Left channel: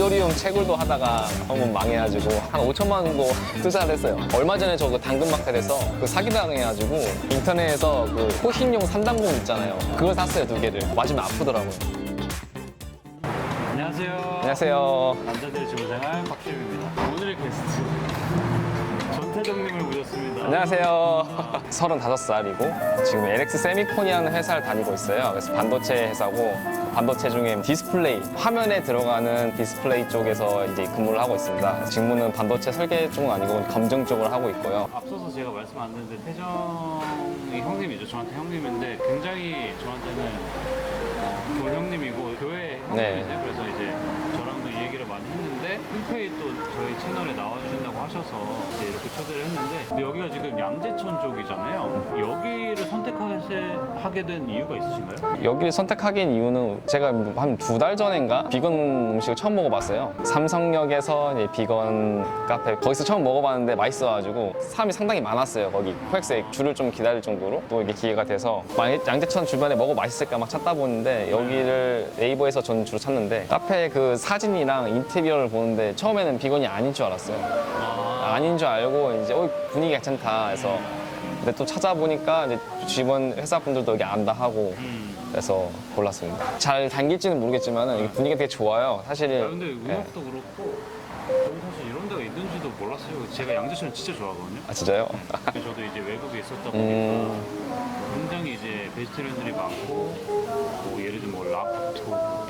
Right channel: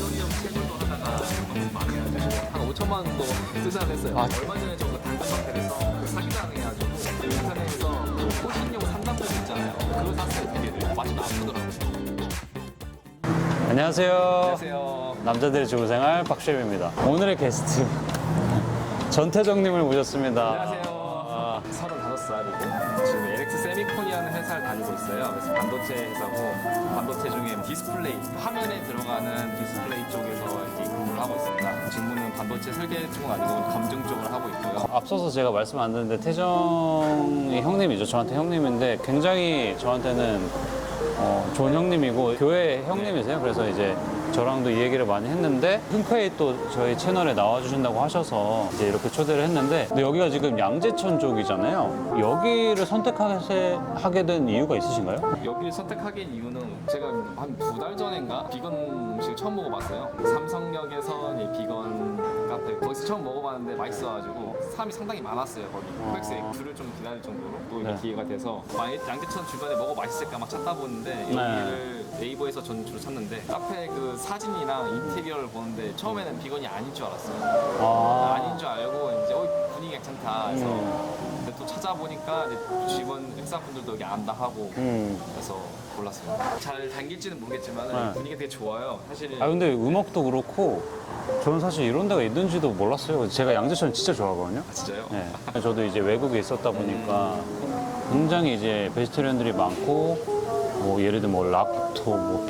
이더리움 채굴도 하다가 한번 망해가지고 한 5천만 원도 투자를 했어요. 얼마 전에 저거 당근마켓에서 그 사기당해가지고 인터넷에서 그 호신용 산당공 있잖아요. 그걸 샀어요, 2개를. 맞으면 아프더라고요. 안녕하세요. 안녕하세요. 남자들의 주부생활 박시름입니다. 오늘의 게스트 전태정님을 모셨습니다. 안녕하세요. 35살이고 지금 LX 세미콘이라는 회사를 다니고 있어요. 그래서 반도체 회사고 반도체 중에 디스플레이, 화면에 들어가는 디스플레이 쪽에서 이제 근무를 하고 있습니다. 직무는 반도체 설계 쪽은 아니고 검증 쪽을 하고 있고요. 앞서서 제가 말씀 안 드렸는데 태정이 형님이죠. 저한테 형님인데 굉장히 저한테는 좋은 형님이고 교회 형님이세요. 그래서 이제 저랑도 이 얘기를 많이 했는데 흔쾌히 또 저희 채널에 나와주신다고 하셔서 이제 이렇게 초대를 했는데 근데 여기가 지금 양재천 쪽이잖아요. 여기를 선택하게 된 이유가 있으신가요? 여기를 선택하긴 이유는 제가 한 2달 전인가 비건 음식을 처음 먹어봤어요. 삼성역에서 이제 비건 카페 거기서 처음 먹어봤는데 맛있어가지고 사람이 상당히 많았어요. 거기 코엑스에 줄을 좀 기다릴 정도로 또 이게 기회가 돼서 양재천 주변에 먹어 맛있을까 막 찾다 보는데 여기를 네이버에서 저는 주로 찾는데 카페 그 사진이랑 인테리어를 보는데 처음에는 비건이 아닌 줄 알았어요. 아닌 줄 알고 이제 분위기 괜찮다 해서 근데 또 찾아보니까 이제 주변 회사분들도 여기 안다 하고 그래서 골랐습니다. 잘 당길지는 모르겠지만 여기 분위기가 되게 좋아요. 사실. 근데 음악도 그렇고 저는 사실 이런 데가 있는지도 몰랐어요. 제가 양재천을 진짜 좋아하거든요. 아 진짜요? 네. 저도 이제 외국에 있었다 보니까 굉장히 이제 베지테리언들이 많고 뭐 예를 들면 뭐 락토, 뭐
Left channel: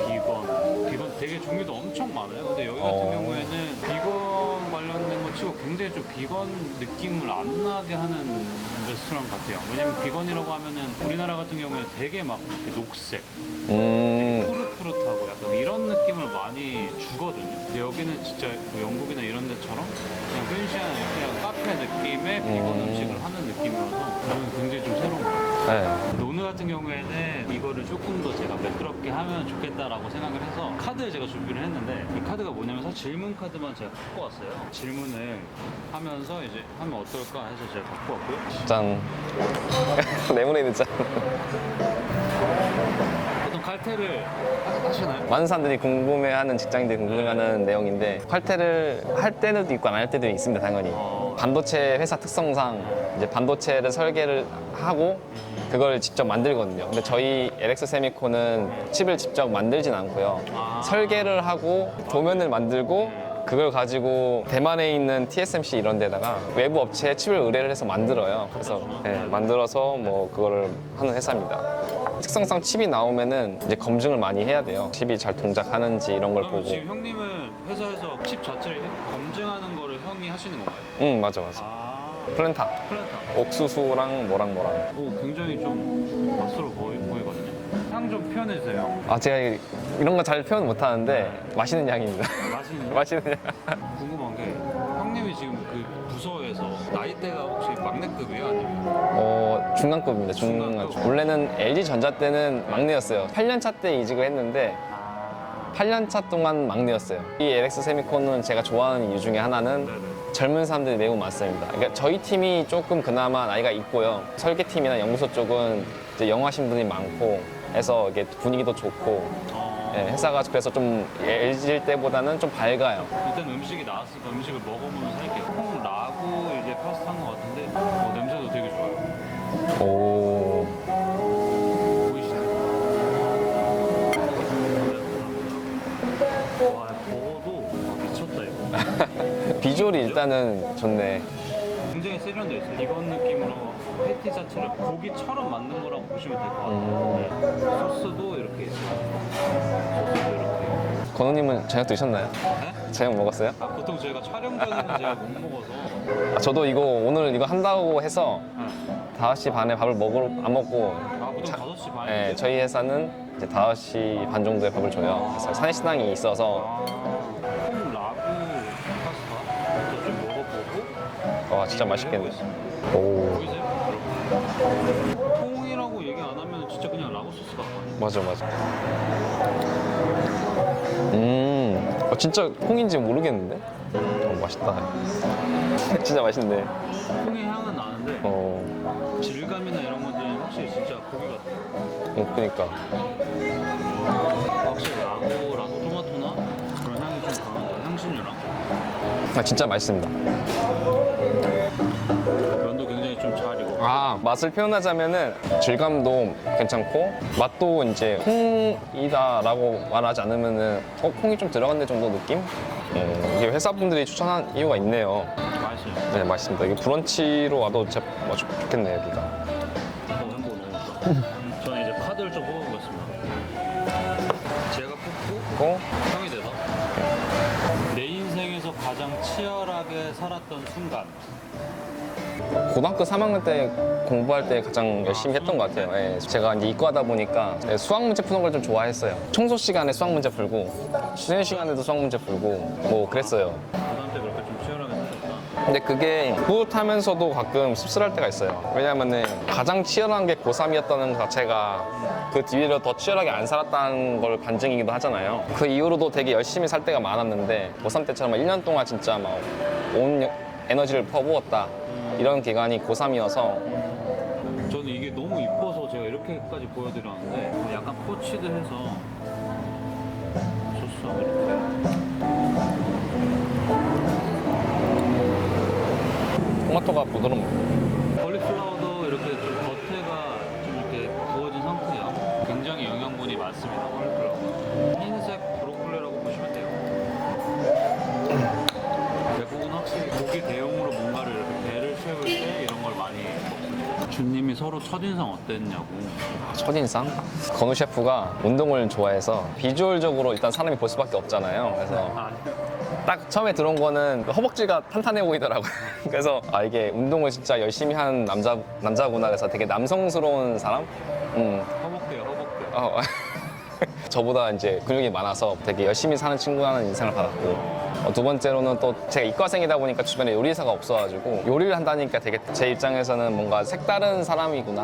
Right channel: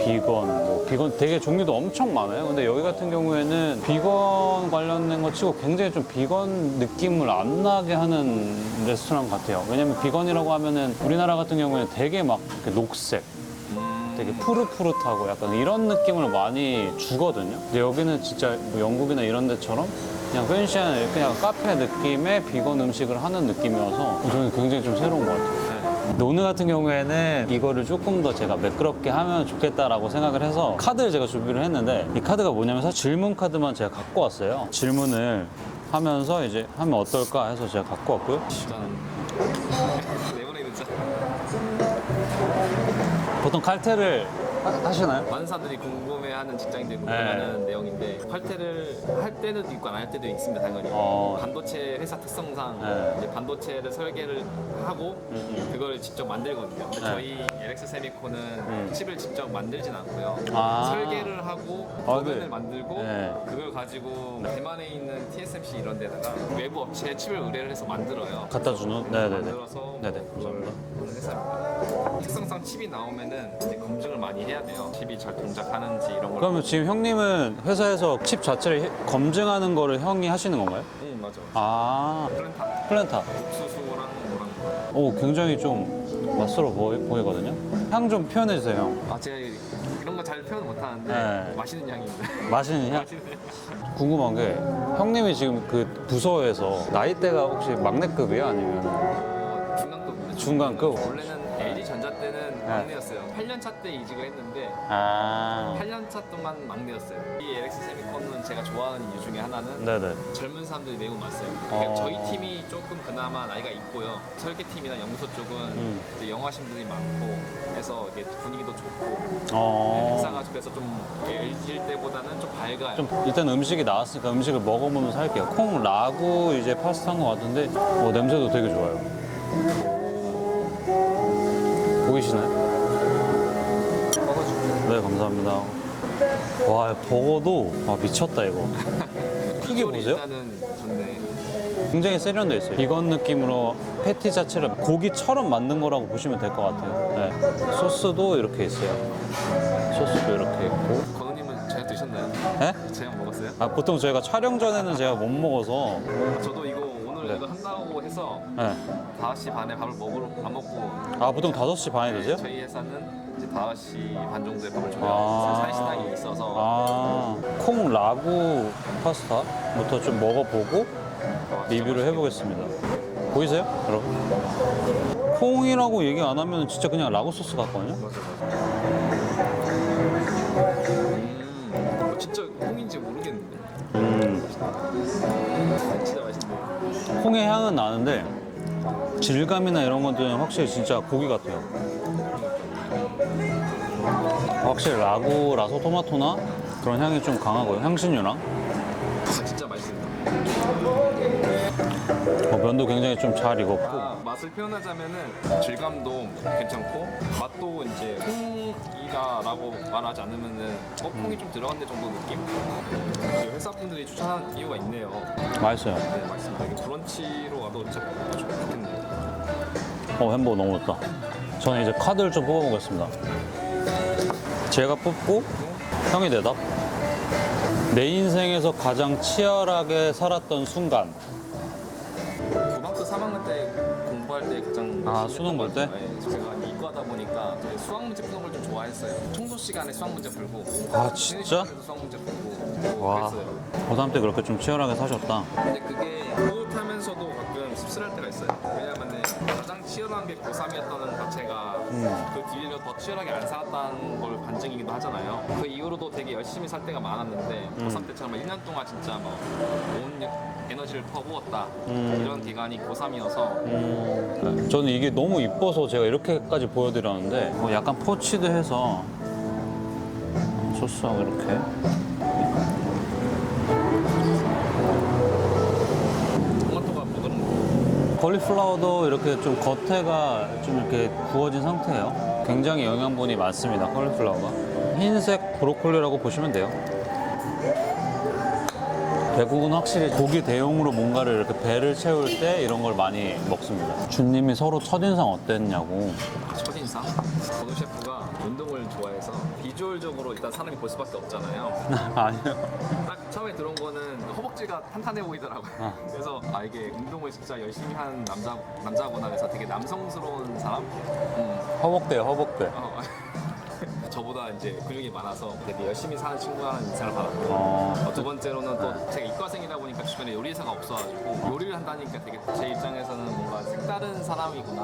비건 되게 종류도 엄청 많아요. 근데 여기 같은 경우에는 비건 관련된 거 치고 굉장히 좀 비건 느낌을 안 나게 하는 레스토랑 같아요. 왜냐면 비건이라고 하면은 우리나라 같은 경우에는 되게 막 녹색 되게 푸릇푸릇하고 약간 이런 느낌을 많이 주거든요. 근데 여기는 진짜 뭐 영국이나 이런 데처럼 그냥 펜시한 그냥 카페 느낌의 비건 음식을 하는 느낌이어서 저는 굉장히 좀 새로운 것 같아요. 근데 오늘 같은 경우에는 이거를 조금 더 제가 매끄럽게 하면 좋겠다라고 생각을 해서 카드를 제가 준비를 했는데 이 카드가 뭐냐면 사실 질문 카드만 제가 갖고 왔어요. 질문을 하면서 이제 하면 어떨까 해서 제가 갖고 왔고요. 짠. 레모네이드 짠. 보통 칼퇴를 하시나요? 많은 사람들이 궁금해하는 직장인들이 궁금해하는 내용인데 칼퇴를 할 때도 있고 안 할 때도 있습니다. 당연히 반도체 회사 특성상 이제 반도체를 설계를 하고 그걸 직접 만들거든요. 근데 저희 LX 세미콘은 칩을 직접 만들진 않고요. 설계를 하고 도면을 만들고 그걸 가지고 대만에 있는 TSMC 이런 데다가 외부 업체에 칩을 의뢰를 해서 만들어요. 갖다 주는? 네, 만들어서 뭐 그거를 하는 회사입니다. 특성상 칩이 나오면은 이제 검증을 많이 해야 돼요. 칩이 잘 동작하는지 이런 걸. 그러면 보고. 지금 형님은 회사에서 칩 자체를 검증하는 거를 형이 하시는 건가요? 응, 맞아. 플랜타. 플랜타. 옥수수랑 뭐랑. 오, 굉장히 좀 낯설어 보이거든요. 향 좀 표현해 주세요. 제가 이런 거 잘 표현 못 하는데 네. 맛있는 향입니다. 맛있는 향? 맛있는 향. 궁금한 게 형님이 지금 그 부서에서 나이대가 혹시 막내급이에요? 아니면? 중간급입니다. 중간급? 원래는 LG전자 때는 막내였어요. 8년차 때 이직을 했는데 8년차 동안 막내였어요. 이 LX 세미콘은 제가 좋아하는 이유 중에 하나는 네네. 젊은 사람들이 매우 많습니다. 그러니까 저희 팀이 조금 그나마 나이가 있고요. 설계팀이나 연구소 쪽은 이제 영어하신 분이 많고 해서 이게 분위기도 좋고 네, 회사가 그래서 좀 LG 때보다는 좀 밝아요. 좀 일단 음식이 나왔으니까 음식을 먹어보면서 할게요. 콩 라구 이제 파스타인 것 같은데 냄새도 되게 좋아요. 오. 보이시나요? 네, 감사합니다. 와, 버거도 미쳤다 이거. 비주얼이 보세요? 일단은 좋네. 굉장히 세련돼 있어요. 비건 느낌으로 패티 자체를 고기처럼 만든 거라고 보시면 될 것 같아요. 네. 소스도 이렇게 있어요. 소스도 이렇게 있고. 건우님은 저녁 드셨나요? 네? 저녁 먹었어요? 보통 저희가 촬영 전에는 제가 못 먹어서. 저도 오늘 이거 한다고 해서 네. 5시 반에 밥을 안 먹고 보통 5시 반에 네, 드세요? 저희 회사는 이제 5시 반 정도에 밥을 줘요. 그래서 사내식당이 있어서 콩 라구 파스타부터 좀 먹어보고 진짜 리뷰를 맛있겠네. 해보겠습니다. 오. 보이세요? 여러분? 콩이라고 얘기 안 하면 진짜 그냥 라구 소스 같거든요? 맞아. 진짜 콩인지 모르겠는데? 맛있다. 진짜 맛있네. 콩의 향은 나는데 질감이나 이런 것들은 확실히 진짜 고기 같아요. 그러니까. 확실히 라구라서 토마토나 그런 향이 좀 강하고요. 향신료랑. 진짜 맛있습니다. 면도 굉장히 좀 잘 익었고. 맛을 표현하자면은 질감도 괜찮고 맛도 이제 콩이다라고 말하지 않으면은 콩이 좀 들어갔네 정도 느낌? 이게 회사분들이 추천한 이유가 있네요. 맛있어요. 네, 맛있습니다. 이게 브런치로 와도 진짜 좋겠네요, 여기가. 햄버거 너무 좋다. 저는 이제 카드를 좀 뽑아보겠습니다. 제가 뽑고 형이 대답. 내 인생에서 가장 치열하게 살았던 순간. 고등학교 3학년 때 공부할 때 가장 열심히 했던 수능 것 볼 같아요. 예, 제가 이제 이과다 보니까 수학 문제 푸는 걸 좀 좋아했어요. 청소 시간에 수학 문제 풀고, 쉬는 시간에도 수학 문제 풀고, 뭐 와. 그랬어요. 고3 때 그렇게 좀 치열하게 사셨다. 근데 그게 뿌듯하면서도 가끔 씁쓸할 때가 있어요. 왜냐하면 가장 치열한 게 고3이었다는 것 자체가 그 뒤로 더 치열하게 안 살았다는 걸 반증이기도 하잖아요. 그 이후로도 되게 열심히 살 때가 많았는데 고3 때처럼 1년 동안 진짜 막 온 에너지를 퍼부었다. 이런 기간이 고3이어서 저는 이게 너무 이뻐서 제가 이렇게까지 보여드렸는데 약간 포치드해서 소스하고 이렇게 토마토가 부드러운 콜리플라워도 이렇게 좀 겉에가 좀 이렇게 구워진 상태예요. 굉장히 영양분이 많습니다. 콜리플라워가 흰색 브로콜리라고 보시면 돼요. 외국은 확실히 고기 대용으로 뭔가를 이렇게 배를 채울 때 이런 걸 많이 먹습니다. 주님이 서로 첫인상 어땠냐고. 첫인상? 건우 셰프가 운동을 좋아해서 비주얼적으로 일단 사람이 볼 수밖에 없잖아요. 아니요. 딱 처음에 들어온 거는 허벅지가 탄탄해 보이더라고요. 그래서 이게 운동을 진짜 열심히 하는 남자구나. 그래서 되게 남성스러운 사람? 허벅대요, 허벅대. 저보다 이제 근육이 많아서 되게 열심히 사는 친구라는 인상을 받았고 두 번째로는 또 제가 이과생이다 보니까 주변에 요리사가 없어가지고 요리를 한다니까 되게 제 입장에서는 뭔가 색다른 사람이구나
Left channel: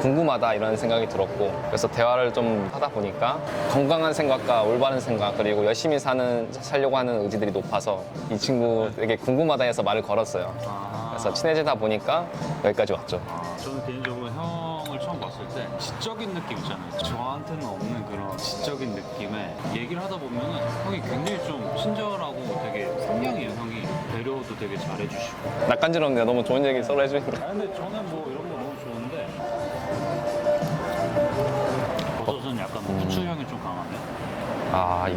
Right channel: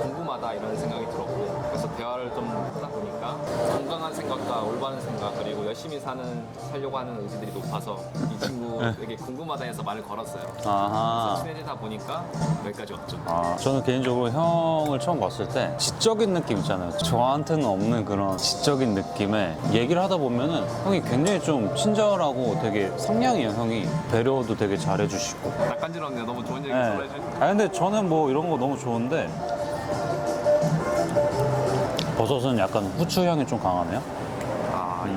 궁금하다 이런 생각이 들었고 그래서 대화를 좀 하다 보니까 건강한 생각과 올바른 생각 그리고 열심히 살려고 하는 의지들이 높아서 이 친구 되게 궁금하다 해서 말을 걸었어요. 그래서 친해지다 보니까 여기까지 왔죠. 저는 개인적으로 형을 처음 봤을 때 지적인 느낌 있잖아요. 저한테는 없는 그런 지적인 느낌에 얘기를 하다 보면은 형이 굉장히 좀 친절하고 되게 상냥해요. 형이 배려도 되게 잘해주시고. 낯간지럽네요. 너무 좋은 얘기 서로 해주니까. 근데 저는 뭐 이런 거 너무 좋은데 버섯은 약간 후추 향이 좀 강하네요.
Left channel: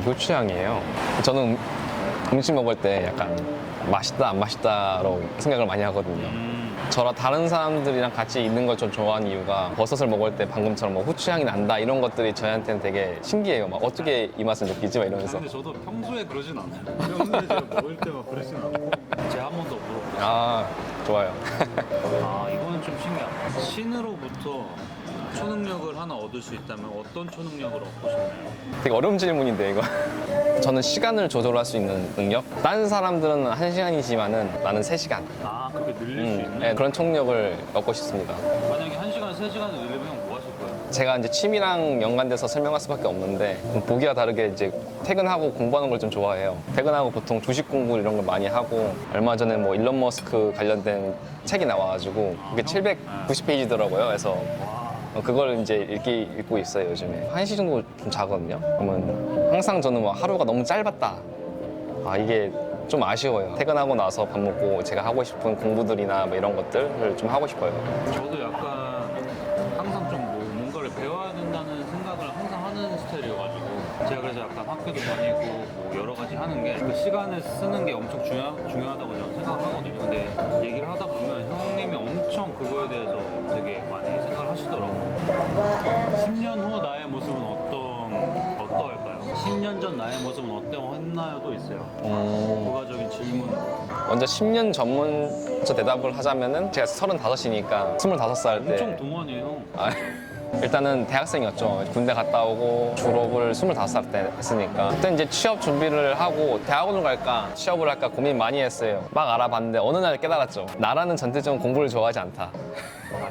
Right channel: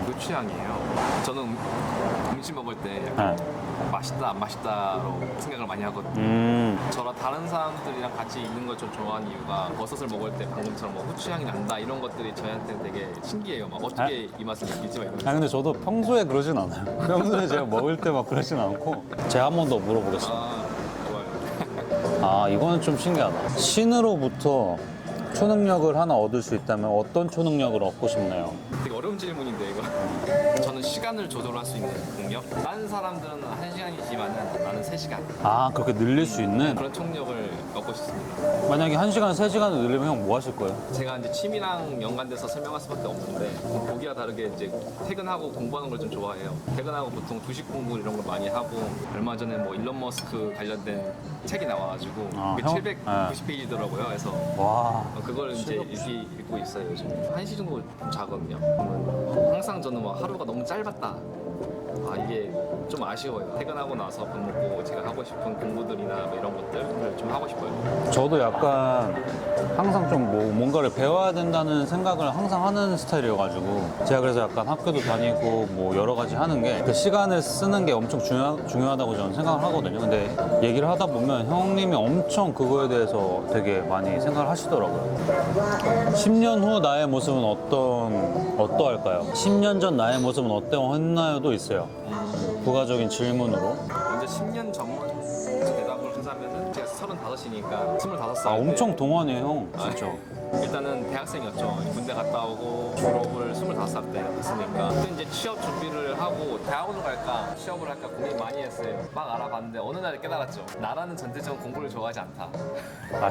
이거 취향이에요. 저는 음식 먹을 때 약간 맛있다 안 맛있다로 생각을 많이 하거든요. 저랑 다른 사람들이랑 같이 있는 걸 좀 좋아하는 이유가 버섯을 먹을 때 방금처럼 뭐 후추향이 난다 이런 것들이 저한테는 되게 신기해요. 막 어떻게 이 맛을 느끼지? 막 이러면서. 근데 저도 평소에 그러진 않아요. 평소에 제가 먹을 때 막 그러진 않고 제가 한 번 더 물어보겠습니다. 좋아요. 이거는 좀 신기하다. 신으로부터 초능력을 하나 얻을 수 있다면 어떤 초능력을 얻고 싶나요? 되게 어려운 질문인데 이거. 저는 시간을 조절할 수 있는 능력? 다른 사람들은 1시간이지만은 나는 3시간. 그렇게 늘릴 수 있는? 네, 그런 초능력을 얻고 싶습니다. 만약에 1시간, 3시간을 늘리면 형 뭐 하실 거예요? 제가 이제 취미랑 연관돼서 설명할 수밖에 없는데 보기와 다르게 이제 퇴근하고 공부하는 걸 좀 좋아해요. 퇴근하고 보통 주식 공부 이런 걸 많이 하고 얼마 전에 뭐 일론 머스크 관련된 책이 나와가지고 그게 형? 790페이지더라고요. 그래서 와. 그걸 이제 읽고 있어요 요즘에. 1시 정도 좀 자거든요. 그러면 항상 저는 막 하루가 너무 짧았다. 이게 좀 아쉬워요. 퇴근하고 나서 밥 먹고 제가 하고 싶은 공부들이나 뭐 이런 것들을 좀 하고 싶어요. 저도 약간 항상 좀 뭔가를 배워야 된다는 생각을 항상 하는 스타일이어가지고 제가 그래서 약간 학교도 다니고 뭐 여러 가지 하는 게 그 시간을 쓰는 게 엄청 중요하다고 저는 생각을 하거든요. 근데 얘기를 하다 보면 형님이 엄청 그거에 대해서 되게 많이 생각을 하시더라고요. 10년 후 나의 모습은 어떠할까요? 10년 전 나의 모습은 어떠했나요도 있어요. 부가적인 질문으로. 먼저 10년 전문저 대답을 하자면은 제가 35이니까 25살 때 엄청 동안이에요, 형. 진짜. 일단은 대학생이었죠. 군대 갔다 오고 졸업을 25살 때 했으니까 그때 이제 취업 준비를 하고 대학원을 갈까 취업을 할까 고민 많이 했어요. 막 알아봤는데 어느 날 깨달았죠. 나라는 전체적으로 공부를 좋아하지 않다.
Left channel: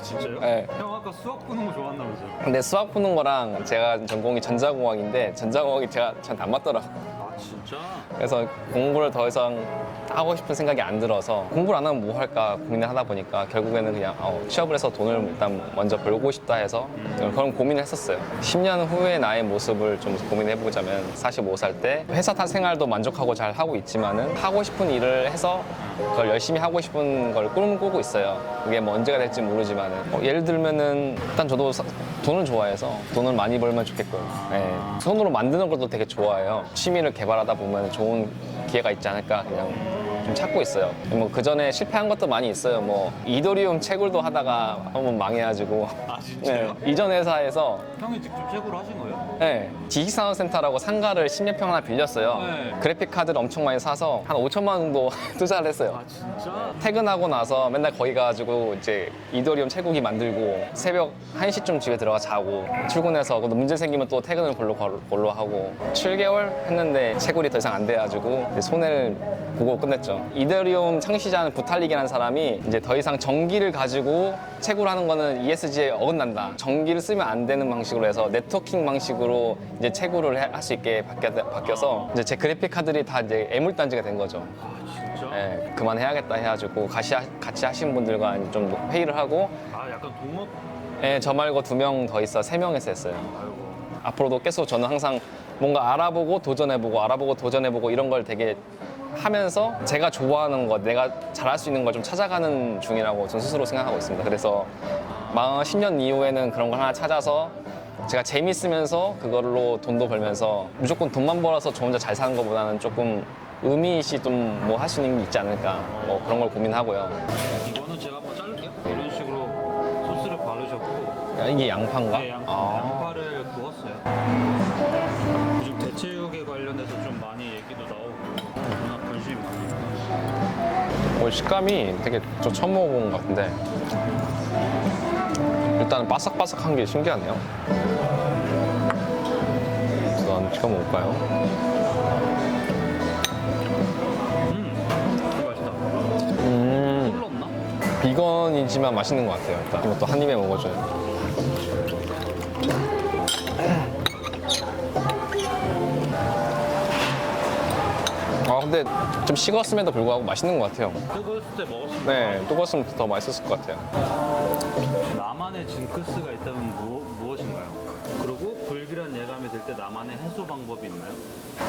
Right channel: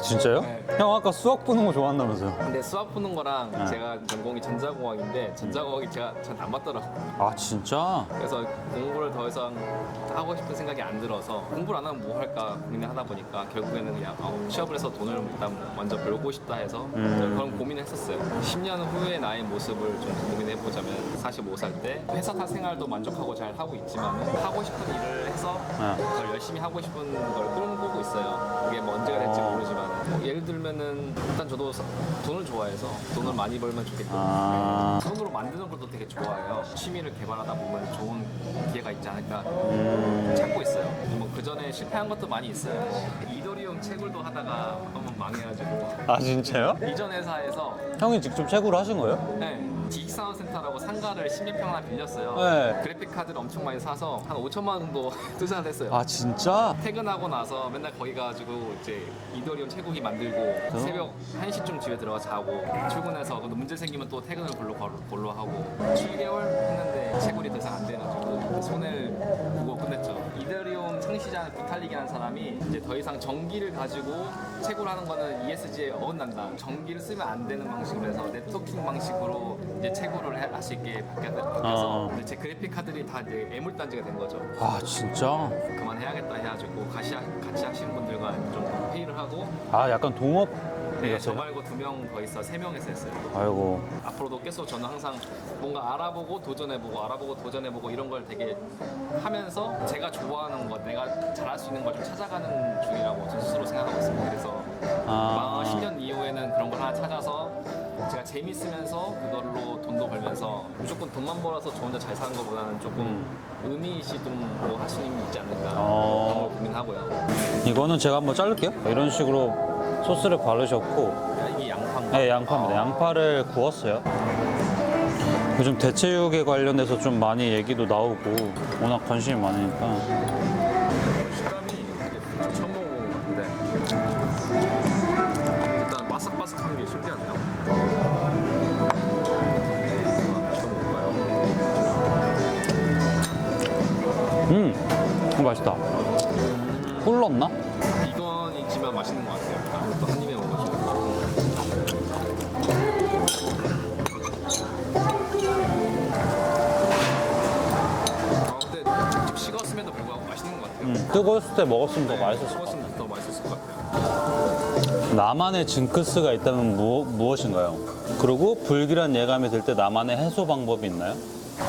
진짜요? 네. 형 아까 수학 푸는 거 좋아한다면서요? 근데 수학 푸는 거랑 제가 전공이 전자공학인데 전자공학이 저한테 안 맞더라고요. 진짜? 그래서 공부를 더 이상 하고 싶은 생각이 안 들어서 공부를 안 하면 뭐 할까 고민을 하다 보니까 결국에는 그냥 취업을 해서 돈을 일단 먼저 벌고 싶다 해서 그런 고민을 했었어요. 10년 후의 나의 모습을 좀 고민해보자면 45살 때 회사 생활도 만족하고 잘 하고 있지만은 하고 싶은 일을 해서 그걸 열심히 하고 싶은 걸 꿈꾸고 있어요. 그게 뭐 언제가 될지 모르지만은 예를 들면은 일단 저도 돈을 좋아해서 돈을 많이 벌면 좋겠고 네. 손으로 만드는 것도 되게 좋아해요. 취미를 개발하다 보면 좋은 기회가 있지 않을까 그냥 좀 찾고 있어요. 뭐 그 전에 실패한 것도 많이 있어요. 뭐 이더리움 채굴도 하다가 한번 망해가지고 아 진짜요? 네. 이전 회사에서 형이 직접 채굴을 하신 거예요? 네, 지식산업센터라고 상가를 10몇 평 하나 빌렸어요. 네. 그래픽 카드를 엄청 많이 사서 한 5천만 원 정도 투자를 했어요. 아 진짜? 퇴근하고 나서 맨날 거기 가가지고 이제 이더리움 채굴기 만들고 새벽 1시쯤 집에 들어가 자고 출근해서 문제 생기면 또 퇴근을 볼로 하고 7개월 했는데 채굴이 더 이상 안 돼가지고 이제 손해를 보고 끝냈죠. 이더리움 창시자는 부탈릭이라는 사람이 이제 더 이상 전기를 가지고 채굴하는 거는 ESG에 어긋난다. 전기를 쓰면 안 되는 방식으로 해서 네트워킹 방식으로 이제 채굴을 할 수 있게 바뀌어서 이제 제 그래픽 카드들이 다 이제 애물단지가 된 거죠. 아 진짜? 네, 그만해야겠다 해가지고 같이 하신 분들과 이제 좀 회의를 하고 아 약간 동업? 네, 저 말고 2명 더 있어 3명에서 했어요. 아이고. 앞으로도 계속 저는 항상 뭔가 알아보고 도전해보고 이런 걸 되게 하면서 제가 좋아하는 것, 내가 잘할 수 있는 걸 좀 찾아가는 중이라고 전 스스로 생각하고 있습니다. 그래서 10년 이후에는 그런 걸 하나 찾아서 제가 재밌으면서 그걸로 돈도 벌면서 무조건 돈만 벌어서 저 혼자 잘 사는 것보다는 조금 의미있이 좀 뭐 할 수 있는 게 있지 않을까 뭐 그런 걸 고민하고요. 이거는 제가 한번 자를게요. 이런 식으로 소스를 바르셨고 이게 양파인가? 네, 양파입니다. 양파를 구웠어요. 요즘 대체육에 관련해서 좀 많이 얘기도 나오고 워낙 관심이 많으니까 식감이 되게 저 처음 먹어본 것 같은데 일단 바삭바삭한 게 신기하네요. 이거 한번 찍어 먹을까요? 맛있다. 꿀 넣나? 비건이지만 맛있는 것 같아요. 일단 이것도 한 입에 먹어줘요. 근데 좀 식었음에도 불구하고 맛있는 것 같아요. 뜨거웠을 때 먹었으면 더 네, 맛있어. 뜨거웠으면 더 맛있었을 것 같아요. 나만의 징크스가 있다면 무엇인가요? 그리고 불길한 예감이 들 때 나만의 해소 방법이 있나요?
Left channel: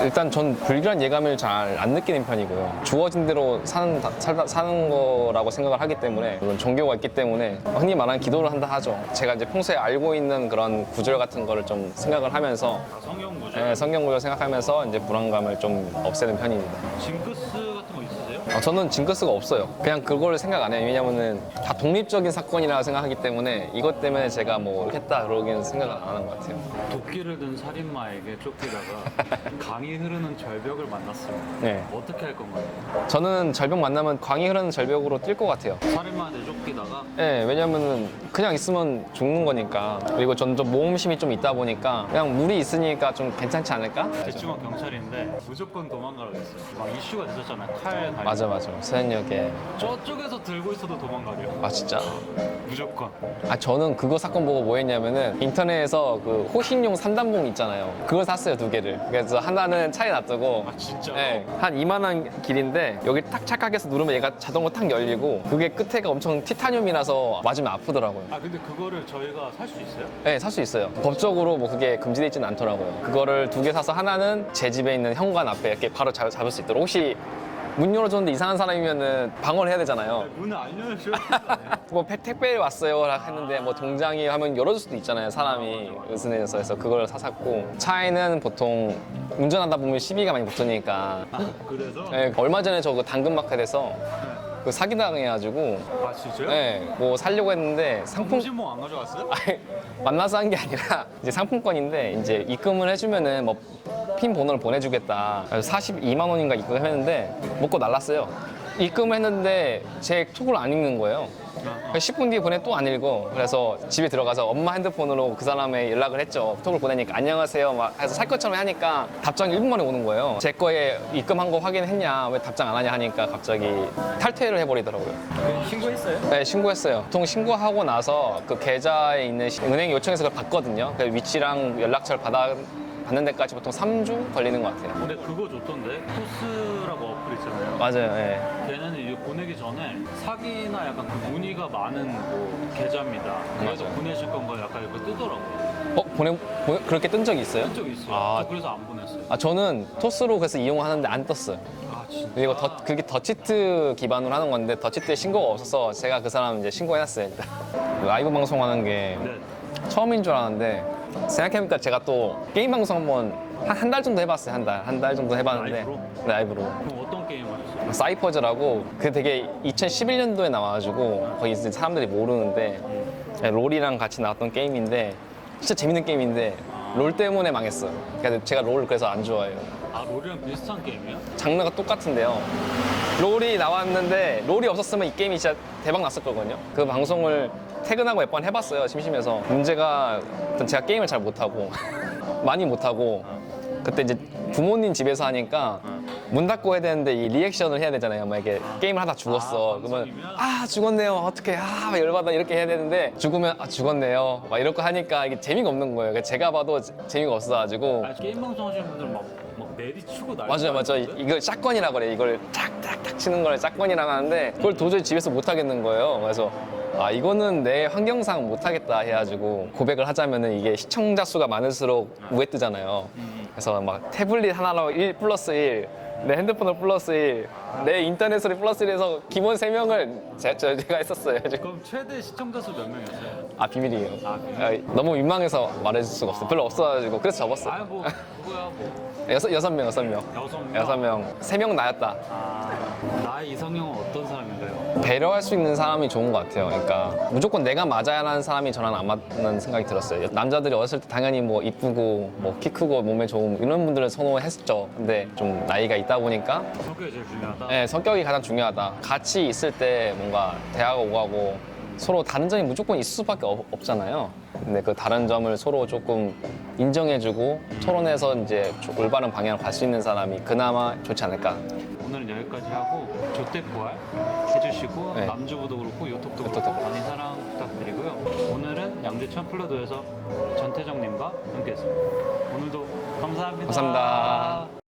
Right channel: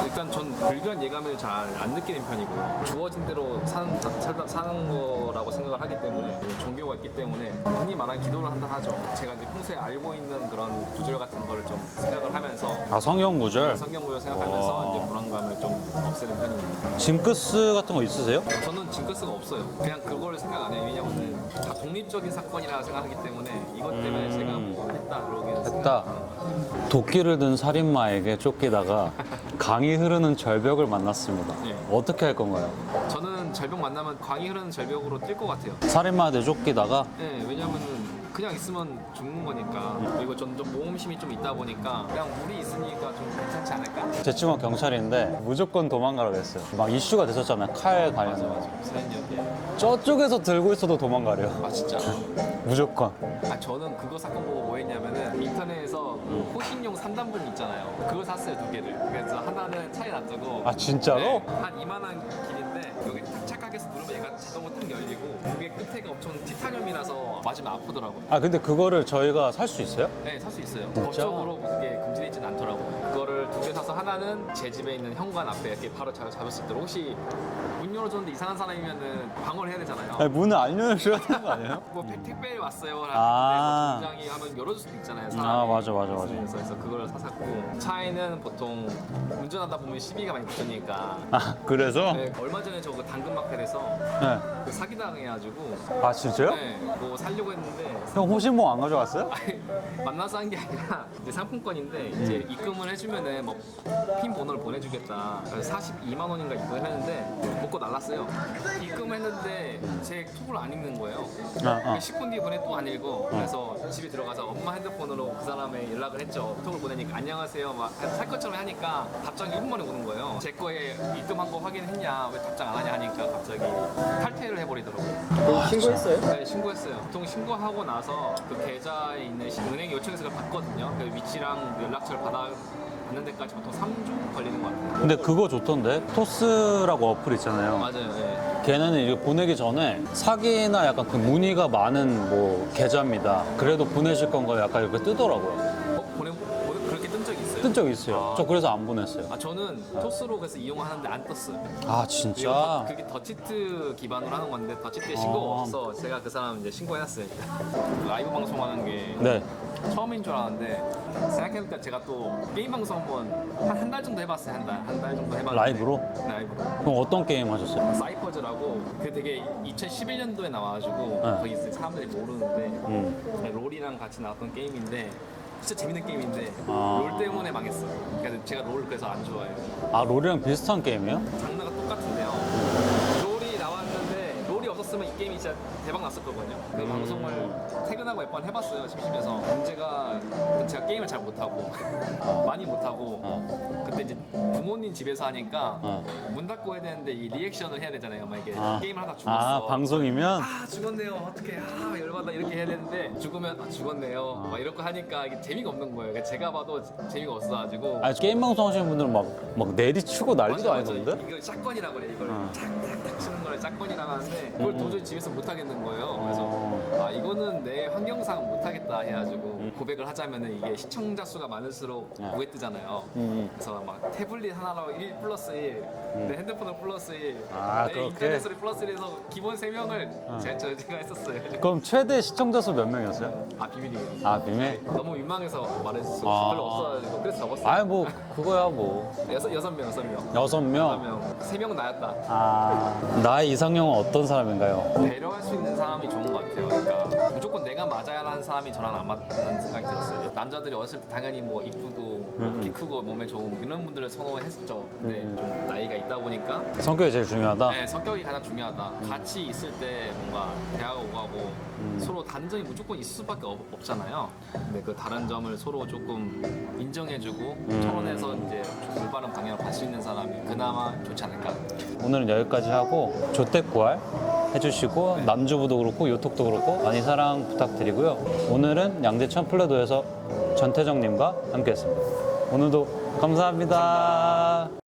일단 전 불길한 예감을 잘 안 느끼는 편이고요. 주어진 대로 사는 거라고 생각을 하기 때문에 물론 종교가 있기 때문에 흔히 말하는 기도를 한다 하죠. 제가 이제 평소에 알고 있는 그런 구절 같은 거를 좀 생각을 하면서 성경 구절? 성경 구절 생각하면서 이제 불안감을 좀 없애는 편입니다. 징크스 같은 거 있으세요? 저는 징크스가 없어요. 그냥 그걸 생각 안 해요. 왜냐면은 다 독립적인 사건이라고 생각하기 때문에 이것 때문에 제가 뭐 했다 그러기는 생각 안 하는 것 같아요. 도끼를 든 살인마에게 쫓기다가 강이 흐르는 절벽을 만났습니다. 네. 어떻게 할 건가요? 저는 절벽 만나면 강이 흐르는 절벽으로 뛸 것 같아요. 살인마한테 쫓기다가 네, 왜냐면은 그냥 있으면 죽는 거니까. 그리고 저는 좀 모험심이 좀 있다 보니까 그냥 물이 있으니까 좀 괜찮지 않을까? 제 친구가 경찰인데 무조건 도망가라고 했어요. 막 이슈가 됐었잖아요. 칼 관련. 맞아. 세연역에. 저쪽에서 들고 있어도 도망가래요. 아, 진짜? 무조건. 저는 그거 사건 보고 뭐 했냐면은 인터넷에서 그 호신용 산단봉 있잖아요. 그걸 샀어요, 2개를. 그래서 하나는 차에 놔두고. 아 진짜로? 네, 한 이만한 길인데 여기 딱 착각해서 누르면 얘가 자동으로 탁 열리고 그게 끝에가 엄청 티타늄이라서 맞으면 아프더라고요. 아 근데 그거를 저희가 살 수 있어요? 네, 살 수 있어요. 법적으로 뭐 그게 금지되어 있지는 않더라고요. 그거를 2개 사서 하나는 제 집에 있는 현관 앞에 이렇게 바로 잡을 수 있도록. 혹시 문 열어줬는데 이상한 사람이면은 방어를 해야 되잖아요. 아니, 문을 안 열어줘야 되는 거 아니에요? 뭐 택배 왔어요 했는데 뭐 동장이 하면 열어줄 수도 있잖아요, 사람이. 아, 맞아. 그래서 그걸 샀고 차에는 보통 운전하다 보면 시비가 많이 붙으니까 아 그래서? 네, 얼마 전에 저 그 당근마켓에서 네. 그 사기당해가지고 아 진짜요? 네, 뭐 살려고 했는데 형 상품 호신봉 안 가져갔어요? 아니, 만나서 한 게 아니라 이제 상품권인데 이제 입금을 해주면은 뭐 핀 번호를 보내주겠다. 그래서 42만 원인가 입금했는데 먹고 날랐어요. 입금을 했는데 제 톡을 안 읽는 거예요. 아. 10분 뒤에 보내 또 안 읽어. 그래서 집에 들어가서 엄마 핸드폰으로 그 사람의 연락을 했죠. 톡을 보내니까 안녕하세요 막 해서 살 것처럼 하니까 답장이 1분 만에 오는 거예요. 제 거에 입금한 거 확인했냐 왜 답장 안 하냐 하니까 갑자기 탈퇴를 해버리더라고요. 신고했어요? 네, 신고했어요. 보통 신고하고 나서 그 계좌에 있는 은행 요청해서 그걸 받거든요. 그 위치랑 연락처를 받는 데까지 보통 3주 걸리는 것 같아요. 근데 그거 좋던데? 토스라고 어플 있잖아요. 맞아요. 예. 걔네는 이제 보내기 전에 사기나 약간 그 문의가 많은 뭐 계좌입니다. 그래도 보내실 건가 약간 이렇게 뜨더라고요. 그렇게 뜬 적이 있어요? 뜬 적 있어요. 아. 저 그래서 안 보냈어요. 저는 토스로 그래서 이용하는데 안 떴어요. 아 진짜? 이거 그게 더치트 기반으로 하는 건데 더치트에 신고가 없어서 제가 그 사람 이제 신고해놨어요. 일단. 라이브 방송하는 게 네. 처음인 줄 알았는데 생각해보니까 제가 또 게임 방송 한번 한 달 정도 해봤어요. 한 달 정도 해봤는데 라이브로? 네, 라이브로. 그럼 어떤 게임 하셨어요? 사이퍼즈라고 그 되게 2011년도에 나와가지고 거기 이제 사람들이 모르는데 롤이랑 같이 나왔던 게임인데 진짜 재밌는 게임인데 아. 롤 때문에 망했어요. 그래서 제가 롤을 그래서 안 좋아해요. 아 롤이랑 비슷한 게임이요? 장르가 똑같은데요. 롤이 나왔는데 롤이 없었으면 이 게임이 진짜 대박 났을 거거든요. 그 방송을 퇴근하고 몇 번 해봤어요. 심심해서. 문제가 일단 제가 게임을 잘 못하고 많이 못하고 그때 이제 부모님 집에서 하니까 문 닫고 해야 되는데 이 리액션을 해야 되잖아요. 막 이게 게임을 하다 죽었어. 아, 방송이면? 아 죽었네요. 어떡해. 아 열받아 이렇게 해야 되는데 죽으면 아 죽었네요. 막 이렇게 하니까 이게 재미가 없는 거예요. 그러니까 제가 봐도 재미가 없어가지고. 아니 게임 방송 하시는 분들은 막 내리치고 난리가 맞아요, 맞아요. 아니던데? 이걸 샷건이라고 그래. 이걸 탁탁탁 치는 걸 샷건이라고 하는데 그걸 도저히 집에서 못 하겠는 거예요. 그래서 이거는 내 환경상 못 하겠다 해가지고 고백을 하자면은 이게 시청자 수가 많을수록 우회 뜨잖아요. 그래서 막 태블릿 하나로 1 플러스 1, 내 핸드폰으로 플러스 1, 내 그렇게? 인터넷으로 플러스 1해서 기본 3명을 제가 했었어요. 그럼 최대 시청자 수 몇 명이었어요? 비밀이에요. 아, 비밀? 너무 민망해서 말해줄 수가 없어. 별로 없어가지고 그래서 접었어요. 아니 뭐 그거야 뭐 여섯 명. 6명? 3명 나였다. 나의 이상형은 어떤 사람인가요? 배려할 수 있는 사람이 좋은 것 같아요. 그러니까 무조건 내가 맞아야 하는 사람이 저는 안 맞는 생각이 들었어요. 남자들이 어렸을 때 당연히 뭐 이쁘고 뭐 키 크고 몸에 좋은 이런 분들을 선호했었죠. 근데 좀 나이가 있다 보니까 성격이 제일 중요하다? 네, 성격이 가장 중요하다. 같이 있을 때 뭔가 대화가 오가고 서로 다른 점이 무조건 있을 수밖에 없잖아요. 근데 그 다른 점을 서로 조금 인정해주고 토론해서 이제 올바른 방향을 갈 수 있는 사람이 그나마 좋지 않을까. 오늘은 여기까지 하고 조택 부활 해주시고 네. 남주부도 그렇고 요톡도 그렇고 많이 사랑 부탁드리고요. 오늘은 양재천 플레도에서 전태정님과 함께했습니다. 오늘도 감사합니다. 감사합니다.